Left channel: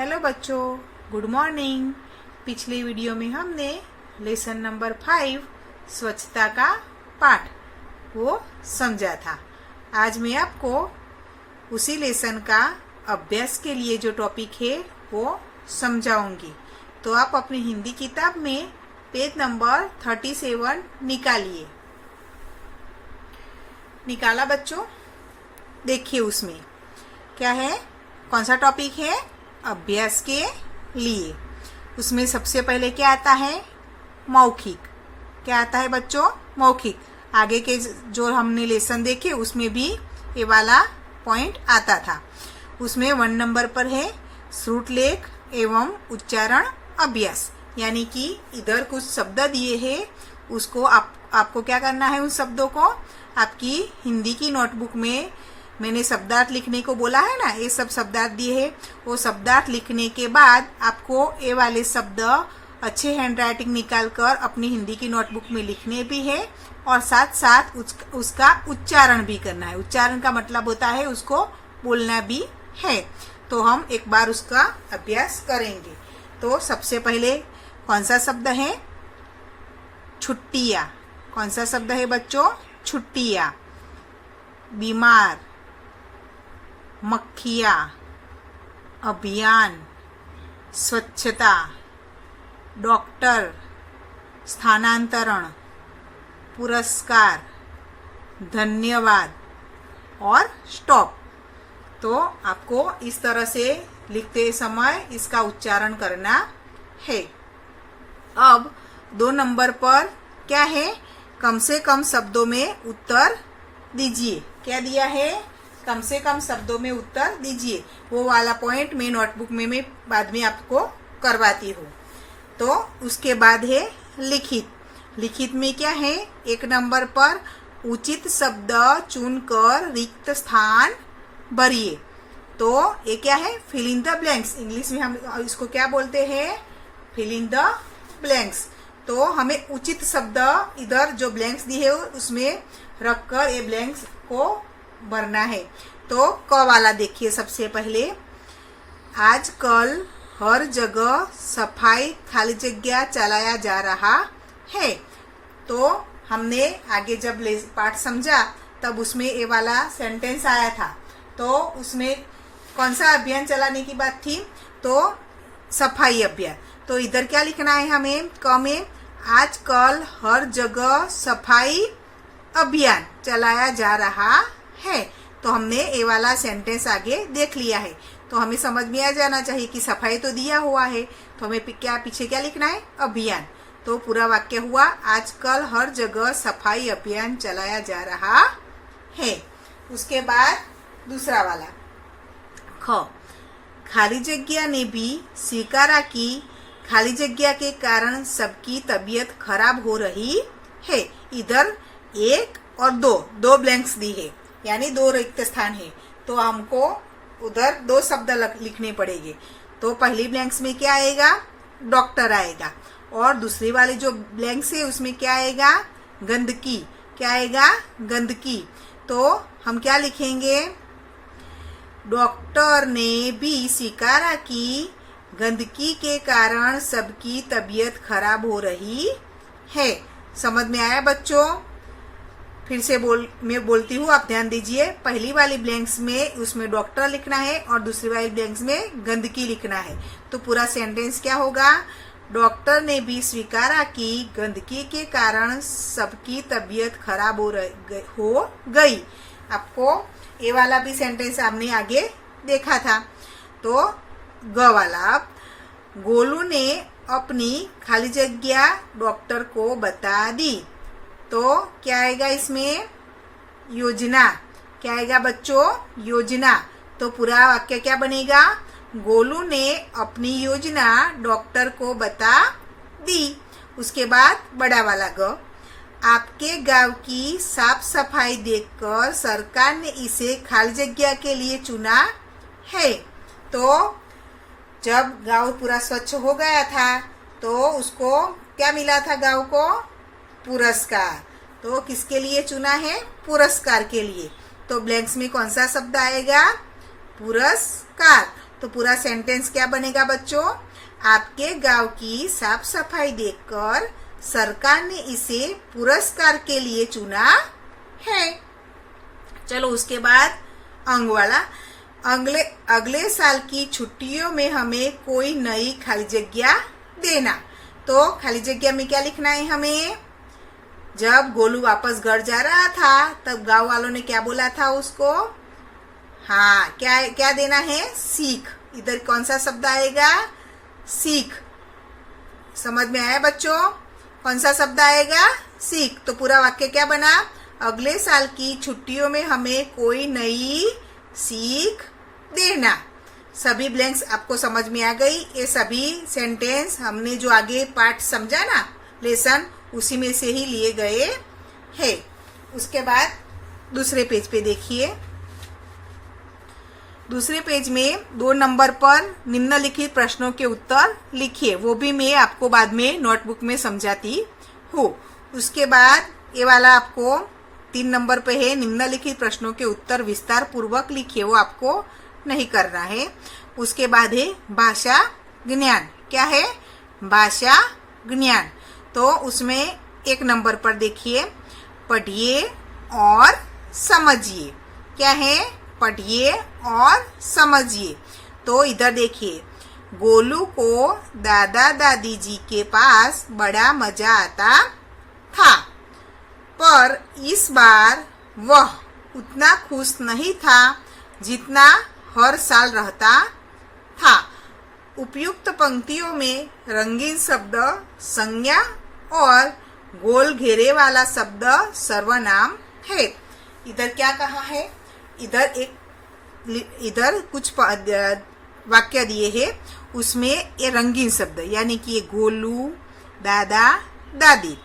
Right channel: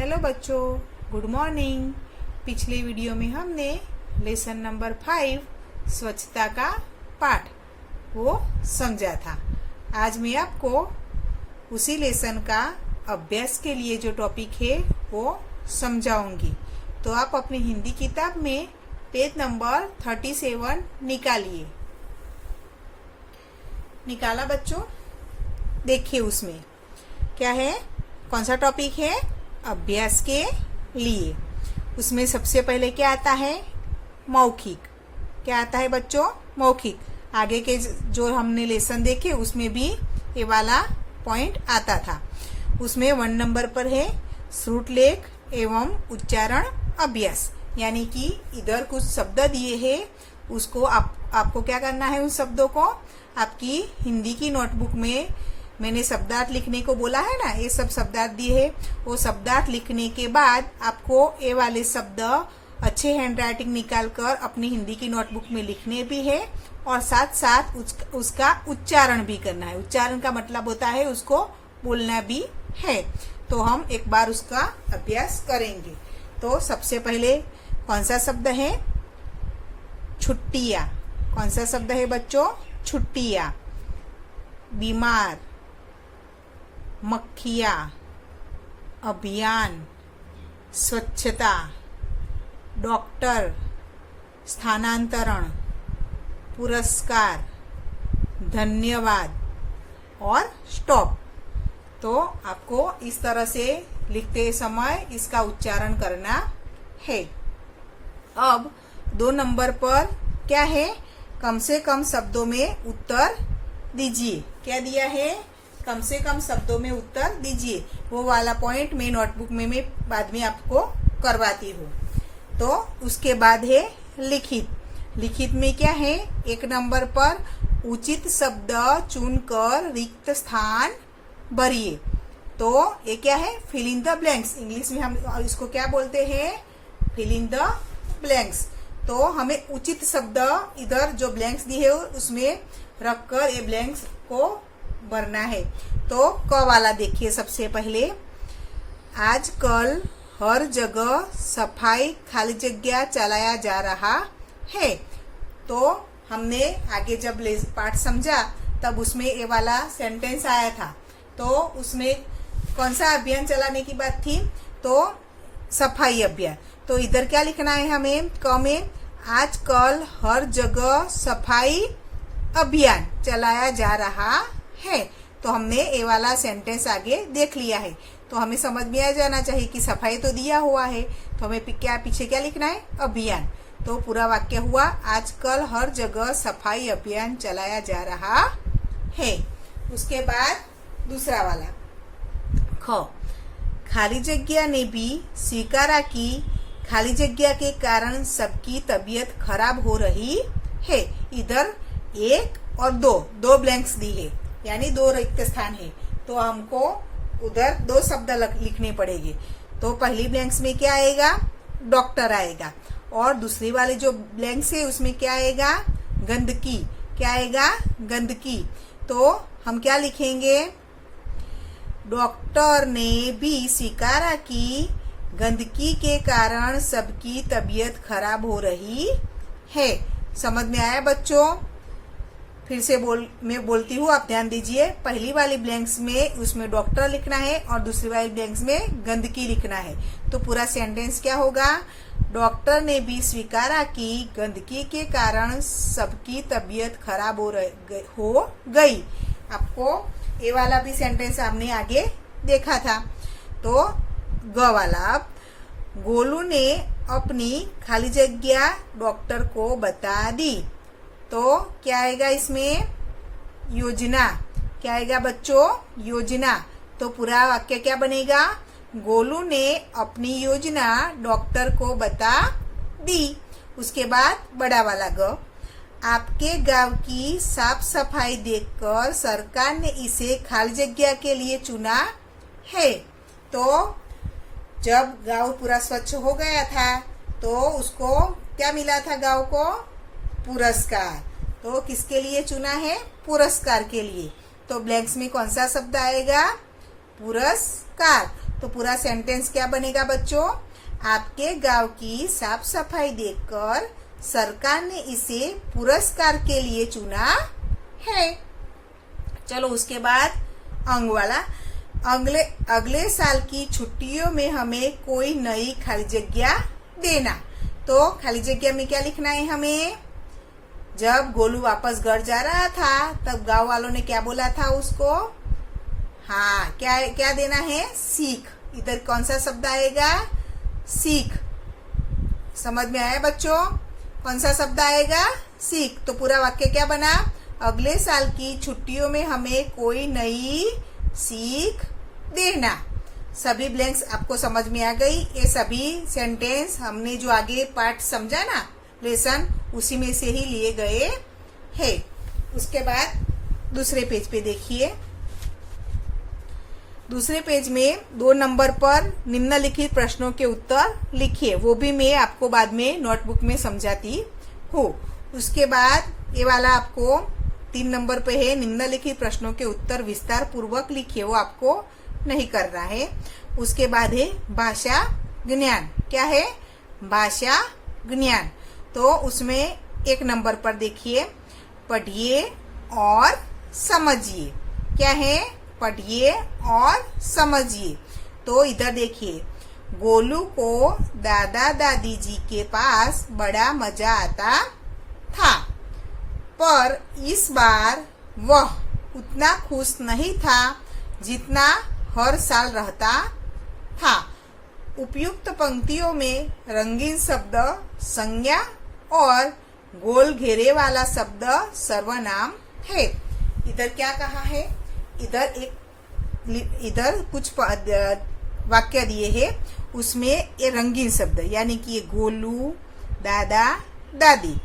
Hello बच्चों, good morning. पिछले video में हमने लेसन नंबर 5 स्वच्छता का पाठ वो समझा था। आज मैं आपको उसी लेसन का अभ्यास के लिए जो टॉपिक है वो समझाऊंगी। तो आप अपनी हिंदी किताब में पेज नंबर 37 निकालिए। निकाला बच्चों? देखिए उसमें क्या है, कौन सा टॉपिक है अभ्यास के लिए। उसमें सबसे पहले क्या आता है, मौखिक। क्या आता है बच्चों? मौखिक। आगे के जो हमने लेसन देखे उसमें भी ये वाला पॉइंट आता था। उसमें 1 नंबर पर है श्रुतलेख एवं उच्चारण अभ्यास, यानी कि इधर कुछ शब्द दिए हैं, उसको आपको क्या करना है, उन शब्दों को आपकी हिंदी की नोटबुक में मैंने शब्दार्थ लिखने को बोला है ना, ये सब शब्दार्थ दिए हैं। वो शब्दार्थ लिखने के बाद आपको ये वाले शब्द अच्छे हैंडराइटिंग निकाल कर अपनी हिंदी की नोटबुक में लिखने भी है और साथ साथ उसका उच्चारण भी करना है। उच्चारण का मतलब होता है उसको बोलना भी है। तो हम एक बार उसका अभ्यास करेंगे। तो सबसे पहले कौन सा शब्द है? छुट्टियां। कौन सा शब्द है बच्चों? छुट्टियां। बीमार, मक्खियां, अभियान, स्वच्छता, डॉक्टर, स्थानांतरण, पुरस्कार, धन्यवाद और स्टॉप। तो आपको इस तरह से लिखते समय इसका उच्चारण करना है। अब 2 नंबर पर क्या है, कम से कम शब्दों में उत्तर दीजिए। क्या दिया है? कम से कम शब्दों में उत्तर दीजिए। वो वाला पॉइंट मैं नोटबुक में मैं बाद में आपको करवाती हूँ। तो उसके बाद है लिखित। लिखित में क्या है, 1 नंबर पर उचित शब्द चुनकर रिक्त स्थान भरिए। तो ये क्या है? Fill in the blanks. English में हम इसको क्या बोलते हैं? Fill in the blanks. तो हमें उचित शब्द इधर जो ब्लैंक्स दिए है उसमें रखकर ये ब्लैंक्स को भरना है। तो क वाला देखिए सबसे पहले, आजकल हर जगह सफाई खाली जगह चलाया जा रहा है। तो हमने आगे जब पाठ समझा तब उसमें ये वाला सेंटेंस आया था। तो उसमें कौन सा अभियान चलाने की बात थी? तो सफाई अभियान। तो इधर क्या लिखना है हमें? क में आजकल हर जगह सफाई अभियान चलाया जा रहा है। तो हमने ये वाला सेंटेंस आगे देख लिया है। तो हमें समझ में आ जाना चाहिए कि सफाई तो दिया हुआ है, तो हमें पीछे क्या लिखना है? अभियान। तो पूरा वाक्य हुआ, आजकल हर जगह सफाई अभियान चलाया जा रहा है। उसके बाद दूसरा वाला ख, खाली जगह ने भी स्वीकारा कि खाली जगह के कारण सबकी तबीयत खराब हो रही है। इधर 1 और 2 ब्लैंक्स दी है, यानी 2 रिक्त स्थान है। तो हमको उधर 2 शब्द लिखने पड़ेंगे। तो पहली ब्लैंक्स में क्या आएगा? डॉक्टर आएगा। और दूसरी वाली जो ब्लैंक्स है उसमें क्या आएगा? गंदगी। क्या आएगा? गंदगी। तो हम क्या लिखेंगे? डॉक्टर ने भी स्वीकारा कि गंदगी के कारण सबकी तबीयत खराब हो रही है। समझ में आया बच्चों? फिर से मैं बोलती हूँ, आप ध्यान दीजिए। पहली वाली ब्लैंक्स में उसमें डॉक्टर लिखना है और दूसरी वाली ब्लैंक्स में गंदगी लिखना है। तो पूरा सेंटेंस क्या होगा? डॉक्टर ने भी स्वीकारा कि गंदगी के कारण सबकी तबीयत खराब हो गई। आपको ये वाला भी सेंटेंस आपने आगे देखा था। तो ग वाला, गोलू ने अपनी खाली जगह डॉक्टर को बता दी। तो क्या आएगा इसमें? योजना। क्या आएगा बच्चों? योजना। तो पूरा वाक्य क्या बनेगा? गोलू ने अपनी योजना डॉक्टर को बता दी। उसके बाद बड़ा वाला ग, आपके गांव की साफ सफाई देखकर सरकार ने इसे खाली जगह के लिए चुना है। तो जब गांव पूरा स्वच्छ हो गया था तो उसको क्या मिला था? गांव को पुरस्कार। तो किसके लिए चुना है? पुरस्कार के लिए। तो ब्लैंक्स में कौन सा शब्द आएगा? पुरस्कार। तो पूरा सेंटेंस क्या बनेगा बच्चों? आपके गांव की साफ सफाई देखकर सरकार ने इसे पुरस्कार के लिए चुना है। चलो उसके बाद अंग वाला, अगले साल की छुट्टियों में हमें कोई नई खाली जगह देना। तो खाली जगह में क्या लिखना है हमें? जब गोलू वापस घर जा रहा था तब गांव वालों ने क्या बोला था उसको? हाँ, क्या क्या देना है? सीख। इधर कौन सा शब्द आएगा? सीख। समझ में आया बच्चों? कौन सा शब्द आएगा? सीख। तो पूरा वाक्य क्या बना? अगले साल की छुट्टियों में हमें कोई नई सीख देना। सभी ब्लैंक्स आपको समझ में आ गई? ये सभी सेंटेंस हमने जो आगे पार्ट समझा ना, लेसन, उसी में से ही लिए गए हैं। उसके बाद दूसरे पेज पे देखिए। दूसरे पेज में 2 नंबर पर निम्नलिखित प्रश्नों के उत्तर लिखिए। वो भी मैं आपको बाद में नोटबुक में समझाती हूँ। उसके बाद ये वाला आपको 3 नंबर पे है, निम्नलिखित प्रश्नों के उत्तर विस्तार पूर्वक लिखिए। वो आपको नहीं करना है। उसके बाद है भाषा ज्ञान। क्या है? भाषा ज्ञान। तो उसमें 1 नंबर पर देखिए, पढ़िए और समझिए। क्या है? पढ़िए और समझिए। तो इधर देखिए, गोलू को दादा दादी जी के पास बड़ा मजा आता था, पर इस बार वह उतना खुश नहीं था जितना हर साल रहता था। उपयुक्त पंक्तियों में रंगीन शब्द संज्ञा और गोल घेरे वाला शब्द सर्वनाम है। इधर क्या कहा है? इधर कुछ वाक्य दिए हैं, उसमें ये रंगीन शब्द यानी कि ये गोलू, दादा, दादी,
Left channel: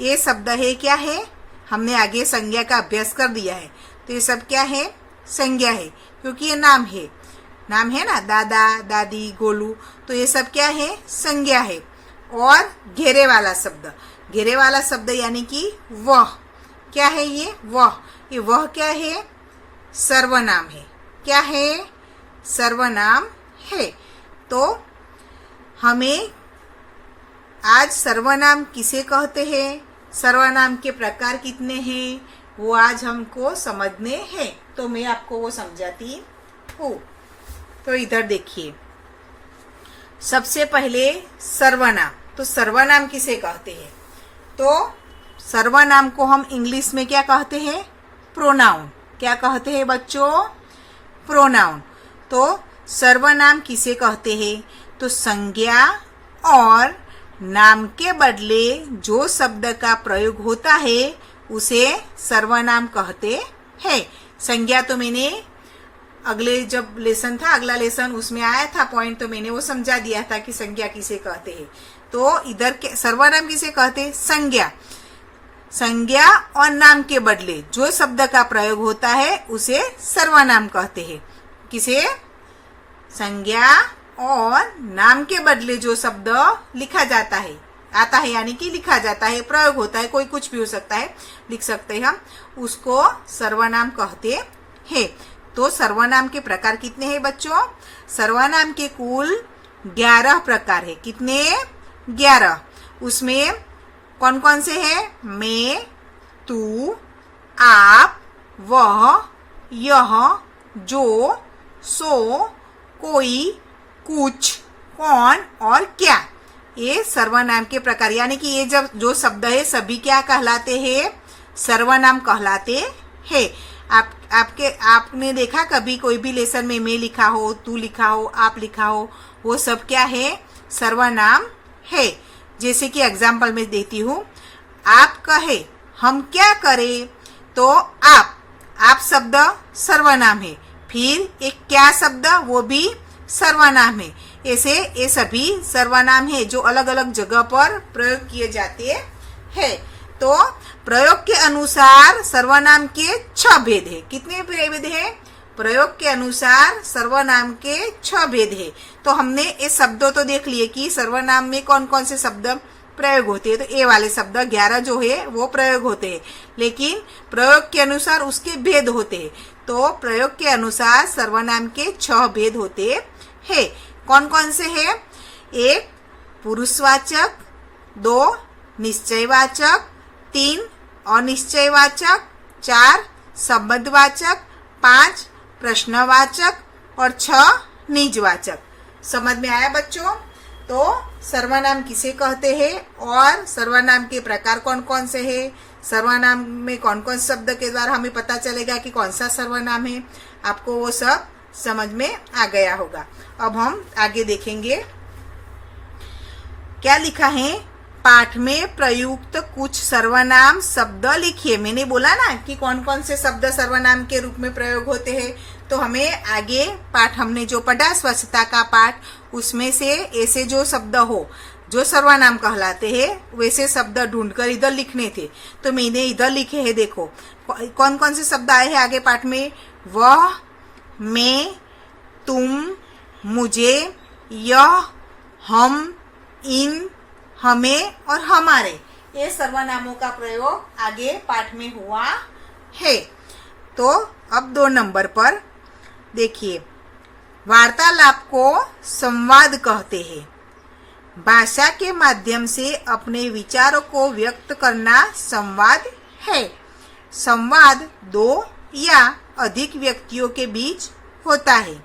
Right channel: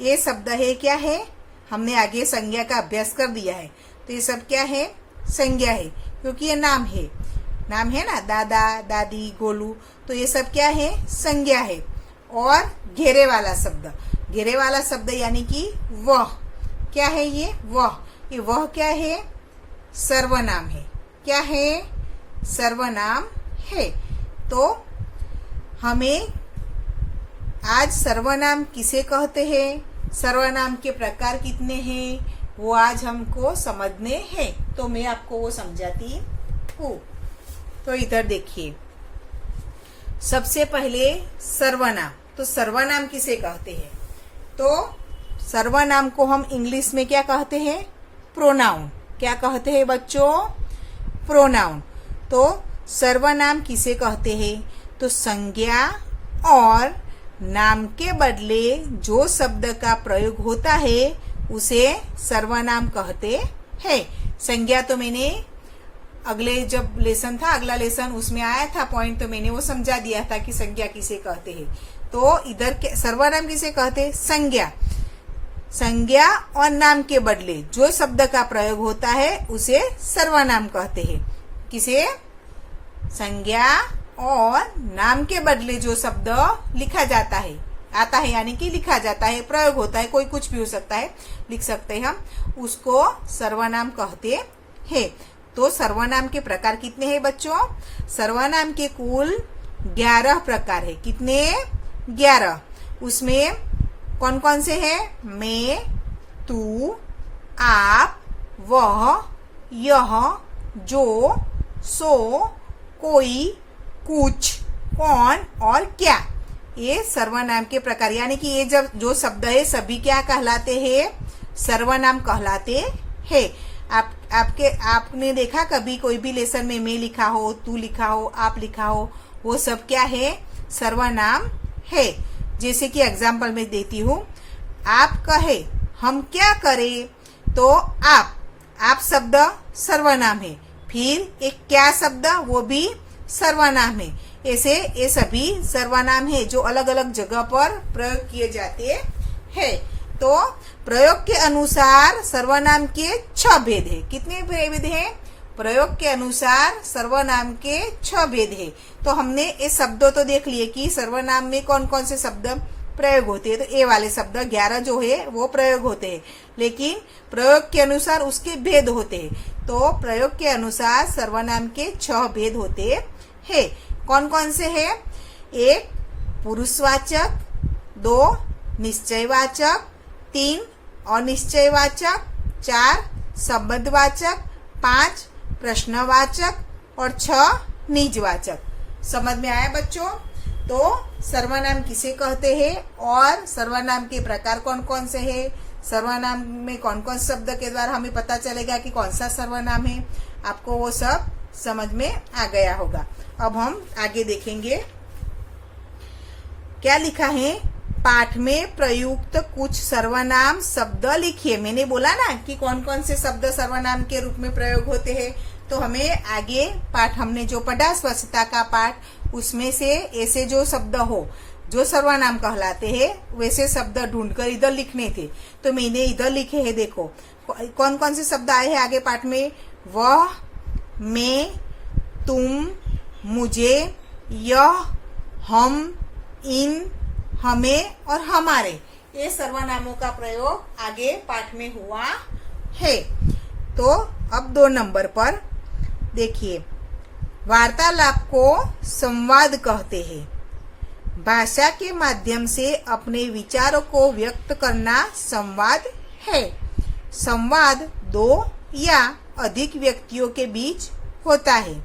ये शब्द है। क्या है? हमने आगे संज्ञा का अभ्यास कर दिया है। तो ये सब क्या है? संज्ञा है, क्योंकि ये नाम है ना, दादा, दादी, गोलू। तो ये सब क्या है? संज्ञा है। और घेरे वाला शब्द यानी कि वह। क्या है ये? वह क्या है? सर्वनाम है। क्या है? सर्वनाम है। तो हमें आज सर्वनाम किसे कहते हैं, सर्वनाम के प्रकार कितने हैं, वो आज हमको समझने हैं। तो मैं आपको वो समझाती हूँ। तो इधर देखिए, सबसे पहले सर्वनाम। तो सर्वनाम किसे कहते हैं? तो सर्वनाम को हम इंग्लिश में क्या कहते हैं? प्रोनाउन। क्या कहते हैं बच्चों? प्रोनाउन। तो सर्वनाम किसे कहते हैं? तो संज्ञा और नाम के बदले जो शब्द का प्रयोग होता है उसे सर्वनाम कहते हैं। संज्ञा तो मैंने जब लेसन था, अगला लेसन, उसमें आया था पॉइंट, तो मैंने वो समझा दिया था कि संज्ञा किसे कहते हैं। तो इधर सर्वनाम किसे कहते हैं? संज्ञा और नाम के बदले जो शब्द का प्रयोग होता है उसे सर्वनाम कहते हैं। किसे? संज्ञा और नाम के बदले जो शब्द लिखा जाता है, आता है यानी कि लिखा जाता है, प्रयोग होता है, कोई कुछ भी हो सकता है, लिख सकते हैं हम, उसको सर्वनाम कहते हैं। तो सर्वनाम के प्रकार कितने हैं बच्चों? सर्वनाम के कुल 11 प्रकार है। कितने? 11। उसमें कौन कौन से हैं? मैं, तू, आप, वह, यह, जो, सो, कोई, कुछ, कौन और क्या, ये सर्वनाम के प्रकार। यानी कि ये जब जो शब्द है सभी क्या कहलाते हैं? सर्वनाम कहलाते हैं। आपने देखा कभी कोई भी लेसन में मैं लिखा हो, तू लिखा हो, आप लिखा हो, वो सब क्या है? सर्वनाम है। जैसे कि एग्जाम्पल में देती हूँ, आप कहे हम क्या करें, तो आप शब्द सर्वनाम है। फिर एक क्या शब्द, वो भी सर्वनाम है। ऐसे ये सभी सर्वनाम है जो अलग अलग जगह पर प्रयोग किए जाते हैं। तो प्रयोग के अनुसार सर्वनाम के 6 भेद है। कितने भेद है? प्रयोग के अनुसार सर्वनाम के 6 भेद है। तो हमने ये शब्दों तो देख लिए कि सर्वनाम में कौन कौन से शब्द प्रयोग होते हैं। तो ये वाले शब्द 11 जो है वो प्रयोग होते हैं, लेकिन प्रयोग के अनुसार उसके भेद होते हैं। तो प्रयोग के अनुसार सर्वनाम के 6 भेद होते है। कौन कौन से है? एक पुरुषवाचक, दो निश्चयवाचक, तीन अनिश्चयवाचक, चार संबंधवाचक, पांच प्रश्नवाचक और छह निजवाचक। समझ में आया बच्चों? तो सर्वनाम किसे कहते हैं और सर्वनाम के प्रकार कौन कौन से हैं, सर्वनाम में कौन कौन शब्द के द्वारा हमें पता चलेगा कि कौन सा सर्वनाम है, आपको वो सब समझ में आ गया होगा। अब हम आगे देखेंगे क्या लिखा है। पाठ में प्रयुक्त कुछ सर्वनाम शब्द लिखिए। मैंने बोला ना कि कौन कौन से शब्द सर्वनाम के रूप में प्रयोग होते हैं, तो हमें आगे पाठ हमने जो पढ़ा स्वच्छता का पाठ, उसमें से ऐसे जो शब्द हो जो सर्वनाम कहलाते हैं वैसे शब्द ढूंढकर इधर लिखने थे। तो मैंने इधर लिखे हैं, देखो कौन कौन से शब्द आए हैं आगे पाठ में। वह, मैं, तुम, मुझे, यह, हम, इन, हमें और हमारे, ये सर्वनामों का प्रयोग आगे पाठ में हुआ है। तो अब 2 नंबर पर देखिए, वार्तालाप को संवाद कहते हैं। भाषा के माध्यम से अपने विचारों को व्यक्त करना संवाद है। संवाद 2 या अधिक व्यक्तियों के बीच होता है,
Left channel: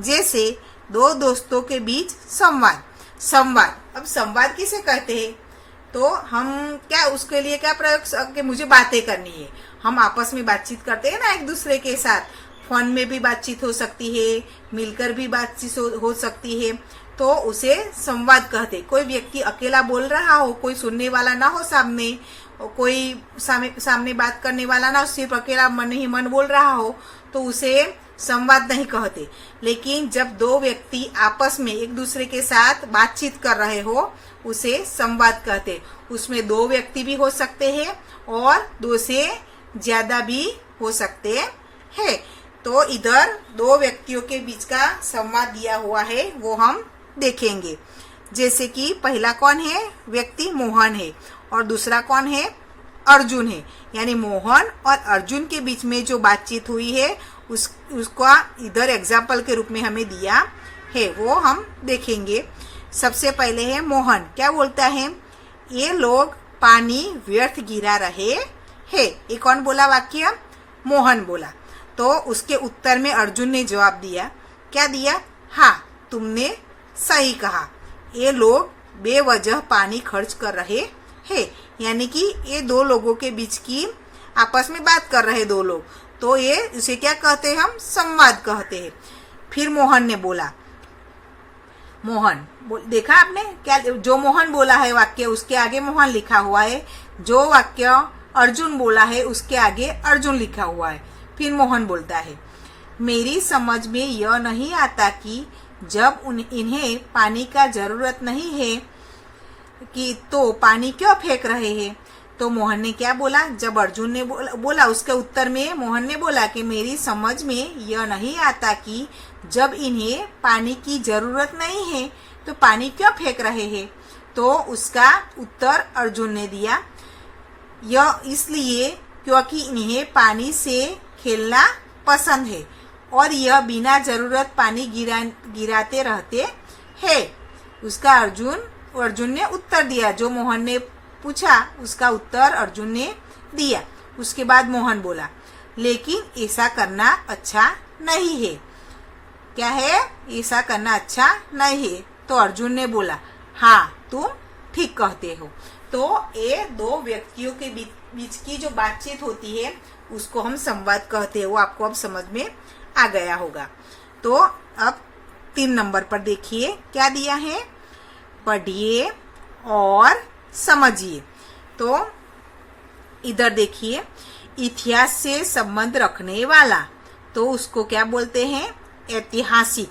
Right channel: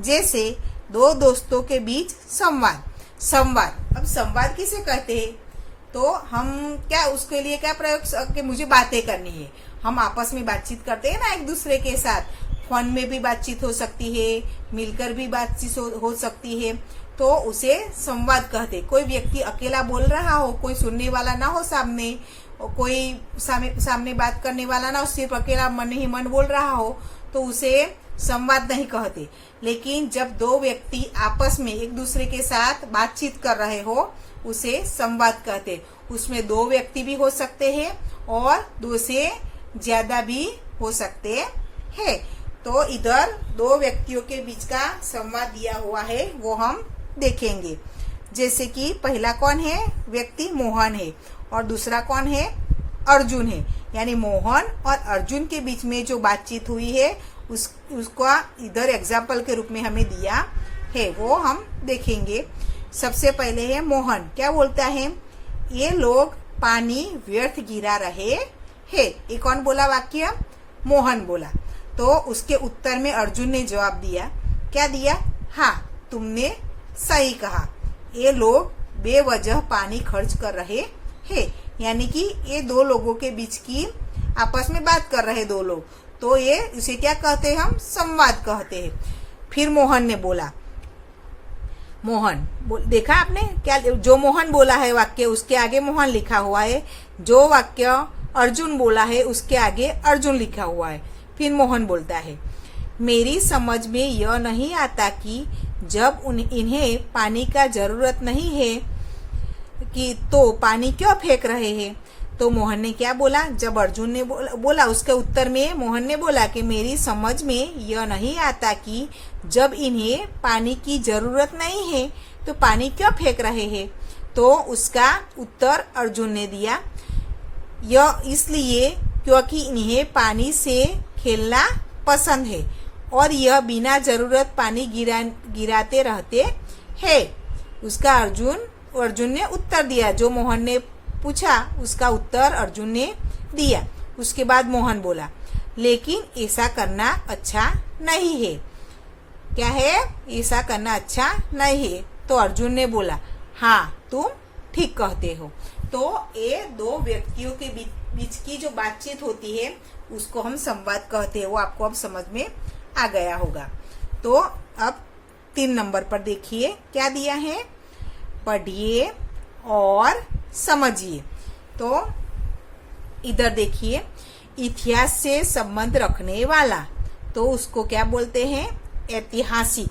जैसे 2 दोस्तों के बीच संवाद। संवाद, अब संवाद किसे कहते हैं? तो हम क्या उसके लिए क्या प्रयोग कि मुझे बातें करनी है, हम आपस में बातचीत करते हैं ना एक दूसरे के साथ, फोन में भी बातचीत हो सकती है, मिलकर भी बातचीत हो सकती है, तो उसे संवाद कहते हैं। कोई व्यक्ति अकेला बोल रहा हो, कोई सुनने वाला ना हो सामने, कोई सामने बात करने वाला ना हो, सिर्फ अकेला मन ही मन बोल रहा हो, तो उसे संवाद नहीं कहते। लेकिन जब 2 व्यक्ति आपस में एक दूसरे के साथ बातचीत कर रहे हो, उसे संवाद कहते। उसमें 2 व्यक्ति भी हो सकते हैं और 2 से ज्यादा भी हो सकते हैं। तो इधर 2 व्यक्तियों के बीच का संवाद दिया हुआ है, वो हम देखेंगे। जैसे कि पहला कौन है व्यक्ति? मोहन है, और दूसरा कौन है? अर्जुन है। यानी मोहन और अर्जुन के बीच में जो बातचीत हुई है उसका इधर एग्जाम्पल के रूप में हमें दिया है, वो हम देखेंगे। सबसे पहले है मोहन, क्या बोलता है? ये लोग पानी व्यर्थ गिरा रहे हैं। ये कौन बोला वाक्य? मोहन बोला। तो उसके उत्तर में अर्जुन ने जवाब दिया, क्या दिया? हाँ, तुमने सही कहा, ये लोग बेवजह पानी खर्च कर रहे हैं। यानी कि ये 2 लोगों के बीच की आपस में बात कर रहे 2 लोग, तो ये इसे क्या कहते हैं? हम संवाद कहते हैं। फिर मोहन ने बोला, देखा आपने क्या? जो मोहन बोला है वाक्य, उसके आगे मोहन लिखा हुआ है। जो वाक्य अर्जुन बोला है उसके आगे अर्जुन लिखा हुआ है। फिर मोहन बोलता है, मेरी समझ में यह नहीं आता कि जब इन्हें पानी का जरूरत नहीं है कि तो पानी क्यों फेंक रहे हैं। तो मोहन ने क्या बोला? जब अर्जुन ने बोला उसके उत्तर में मोहन ने बोला कि मेरी समझ में यह नहीं आता कि जब इन्हें पानी की जरूरत नहीं है तो पानी क्यों फेंक रहे हैं। तो उसका उत्तर अर्जुन ने दिया, यह इसलिए क्योंकि इन्हें पानी से खेलना पसंद है और यह बिना जरूरत पानी गिराते रहते हैं। उसका अर्जुन ने उत्तर दिया, जो मोहन ने पूछा उसका उत्तर अर्जुन ने दिया। उसके बाद मोहन बोला, लेकिन ऐसा करना अच्छा नहीं है। क्या है? ऐसा करना अच्छा नहीं है। तो अर्जुन ने बोला, हाँ तुम ठीक कहते हो। तो ये 2 व्यक्तियों के बीच की जो बातचीत होती है उसको हम संवाद कहते हैं। वो आपको अब समझ में आ गया होगा। तो अब 3 नंबर पर देखिए क्या दिया है, पढ़िए और समझिए। तो इधर देखिए, इतिहास से संबंध रखने वाला, तो उसको क्या बोलते हैं? ऐतिहासिक।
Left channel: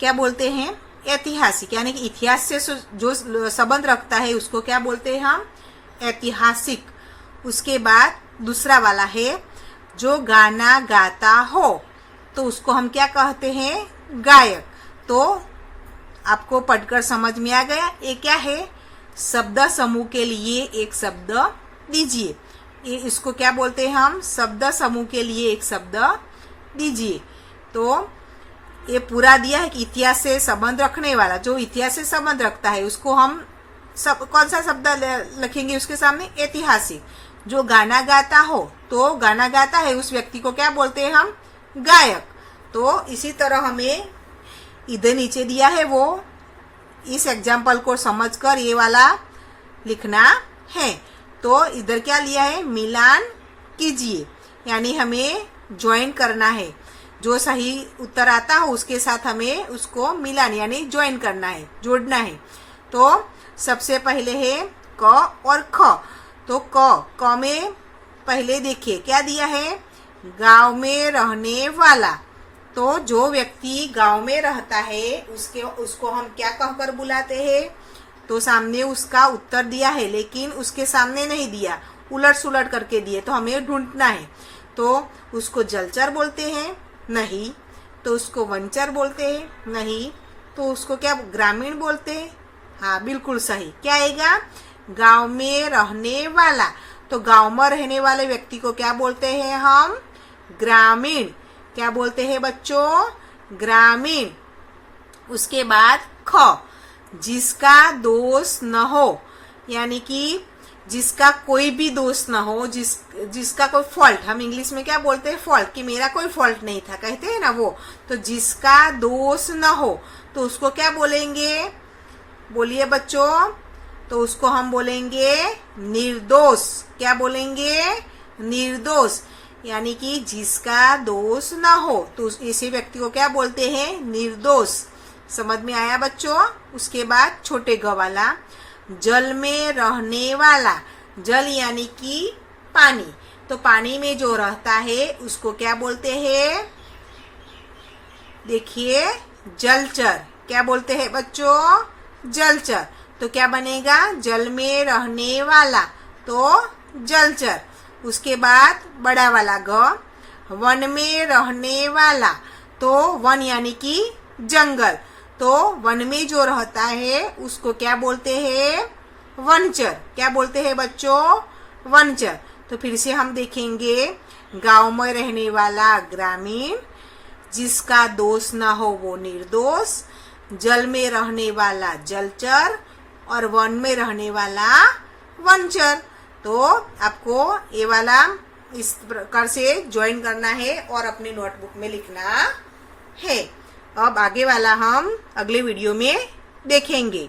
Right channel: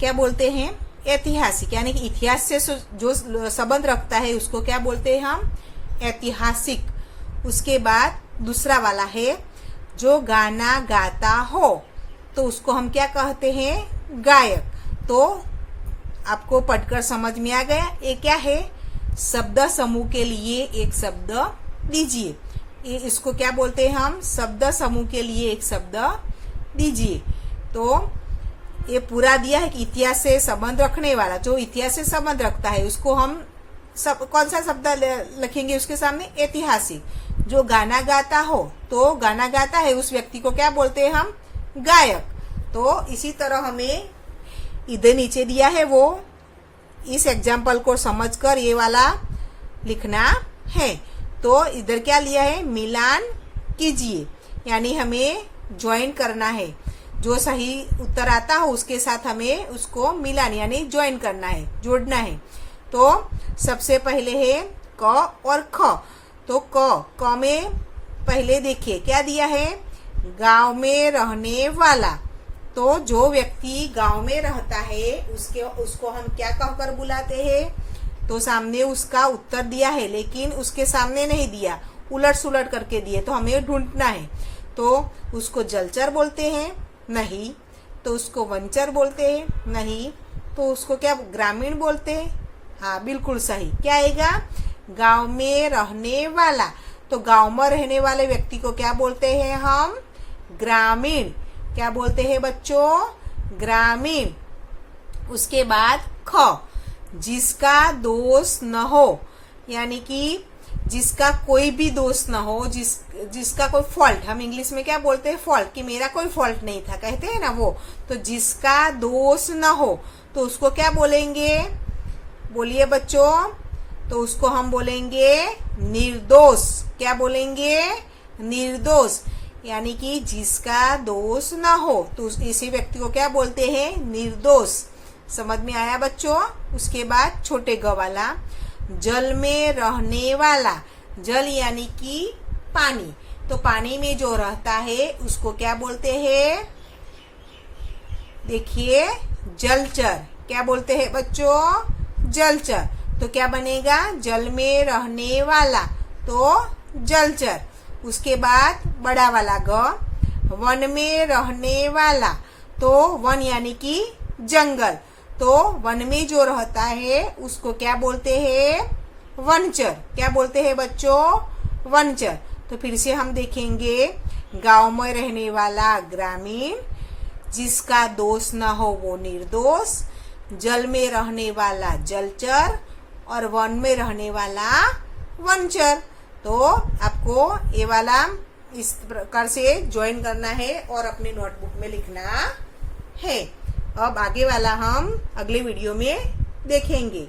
क्या बोलते हैं? ऐतिहासिक। यानी कि इतिहास से जो संबंध रखता है उसको क्या बोलते हैं हम? ऐतिहासिक। उसके बाद दूसरा वाला है जो गाना गाता हो, तो उसको हम क्या कहते हैं? गायक। तो आपको पढ़कर समझ में आ गया ये क्या है? शब्द समूह के लिए एक शब्द दीजिए। इसको क्या बोलते हैं हम? शब्द समूह के लिए एक शब्द दीजिए। तो ये पूरा दिया है कि इतिहास से संबंध रखने वाला, जो इतिहास से संबंध रखता है उसको हम कौन सा शब्द लिखेंगे उसके सामने? ऐतिहासिक। जो गाना गाता हो, तो गाना गाता है उस व्यक्ति को क्या बोलते हैं हम? गायक। तो इसी तरह हमें इधर नीचे दिया है वो इस एग्जाम्पल को समझकर ये वाला लिखना है। तो इधर क्या लिया है? मिलान कीजिए, यानी हमें ज्वाइन करना है। जो सही उत्तर आता हो उसके साथ हमें उसको मिलान यानी ज्वाइन करना है, जोड़ना है। तो सबसे पहले है क और ख। तो क में पहले देखिए क्या दिया है? गांव में रहने वाला। तो जो व्यक्ति गांव में रहता है उसको हम क्या कहकर बुलाते हैं? तो सामने उसका उत्तर दिया है, लेकिन उसके सामने नहीं दिया, उलट सुलट करके दिए, तो हमें ढूंढना है। तो उसको जलचर बोलते हैं? नहीं। तो उसको वनचर बोलते हैं? नहीं। तो उसको क्या ग्रामीण बोलते हैं? हाँ, बिल्कुल सही। क्या आएगा? गांव में रहने वाला। तो गांव में रहने वाले व्यक्ति को क्या बोलते हैं हम? ग्रामीण। क्या बोलते हैं बच्चों? ग्रामीण। उसके बाद ख, जिसका दोष न हो, यानी कि जिसका कोई भी दोष न हो, जिसका कोई फॉल्ट, हम इंग्लिश में क्या बोलते हैं? फॉल्ट, कि मेरा कोई फॉल्ट नहीं था, कहते हैं ना वो। तो जिसका दोष न हो, तो उसको क्या बोलेंगे? बोलिए बच्चों। तो उसको हम बोलेंगे निर्दोष। क्या बोलेंगे? निर्दोष। यानी कि जिसका दोष न हो, तो इसी व्यक्ति को क्या बोलते हैं? निर्दोष। समझ में आया बच्चों? उसके बाद छोटे ग वाला, जल में रहने वाला। जल यानी कि पानी। तो पानी में जो रहता है उसको क्या बोलते हैं? देखिए, जलचर। क्या बोलते हैं बच्चों? जलचर। तो क्या बनेगा? जल में रहने वाला, तो जलचर। उसके बाद बड़ा वाला ग, वन में रहने वाला। तो वन यानी कि जंगल। तो वन में जो रहता है उसको क्या बोलते हैं? वनचर। क्या बोलते हैं बच्चों? वनचर। तो फिर से हम देखेंगे, गांव में रहने वाला ग्रामीण, जिसका दोष न हो वो निर्दोष, जल में रहने वाला जलचर, और वन में रहने वाला वनचर। तो आपको ये वाला इस प्रकार से ज्वाइन करना है और अपनी नोटबुक में लिखना है। अब आगे वाला हम अगले वीडियो में देखेंगे।